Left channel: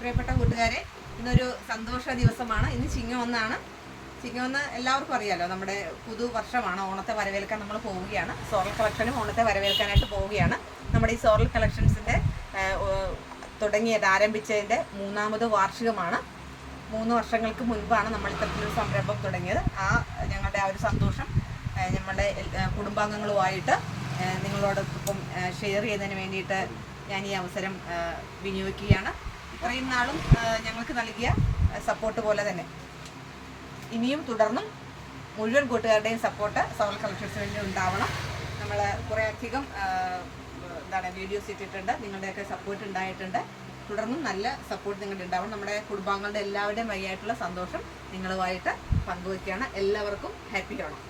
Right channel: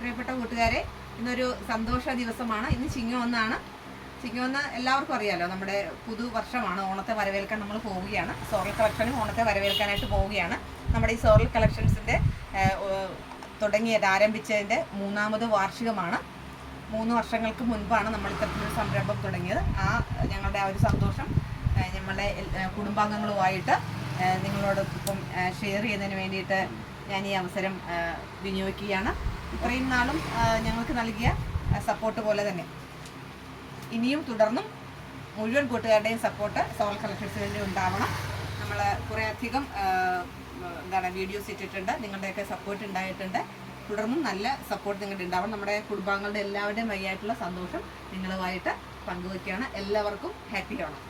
പ്രിയപ്പെട്ട കൂട്ടുകാരെ, ഇന്നൊരു സന്തോഷ ദിവസമാണ്. ഇന്ന് ചിങ്ങം ചിങ്ങം എല്ലാവർക്കും അറിയാലോ. നമ്മുടെ പുതുവർഷമാണ്. ഓണത്തെ വരവേൽക്കാൻ നമ്മൾ പോവുകയാണ്. സോറൽ കളക്ഷനും ഓണത്തെ വരവേൽക്കാനായിട്ട് പോവുകയാണ്. നമ്മുടെ ഈ സോറൽ കളക്ഷൻസിൻ്റെ ആരംഭിച്ചതിൻ്റെ 3ാമത് വാർഷികമാണ്. 3 വർഷങ്ങൾക്ക് മുൻപാണ് നമ്മൾ ഇത്തരത്തിലൊരു സംരംഭം തുടങ്ങിയത്. ഞങ്ങളുടെ ഒരു സന്തോഷം നമ്മുടെ കുടുംബാംഗങ്ങളുമായിട്ട് നിങ്ങളോടൊപ്പം ഷെയർ ചെയ്യുന്നതിന് വേണ്ടിയിട്ട് ഞാൻ ഈ അവസരം വിനിയോഗിക്കുകയാണ്. ഇത്രയും നാളും ഞങ്ങൾക്ക് നൽകിയ സപ്പോർട്ട് പോലെ തന്നെ ഇനിയും തുടർന്നും മുഴുവൻ കൂട്ടുകാരുടെയും സപ്പോർട്ട് സോറൽ കളക്ഷൻസിന് വേണ്ടി ഉണ്ടാവണം. നമ്മൾ കുറേയധികം വീഡിയോസ് ഇട്ടിട്ടുണ്ട്. നിങ്ങളുടെയൊക്കെ സപ്പോർട്ട് ഉണ്ടായിട്ടുണ്ട്. തുടർന്നും നല്ല സപ്പോർട്ട് നിങ്ങളുടെ ഉണ്ടാവണം. നമ്മുടെ കുടുംബാംഗങ്ങളുടെ എല്ലാവരുടെയും വഴിയായിട്ടുള്ള സന്തോഷം നിങ്ങളുമായിട്ട് പങ്കുവയ്ക്കുകയാണ്. എല്ലാവർക്കും ഹാപ്പി ഓണം.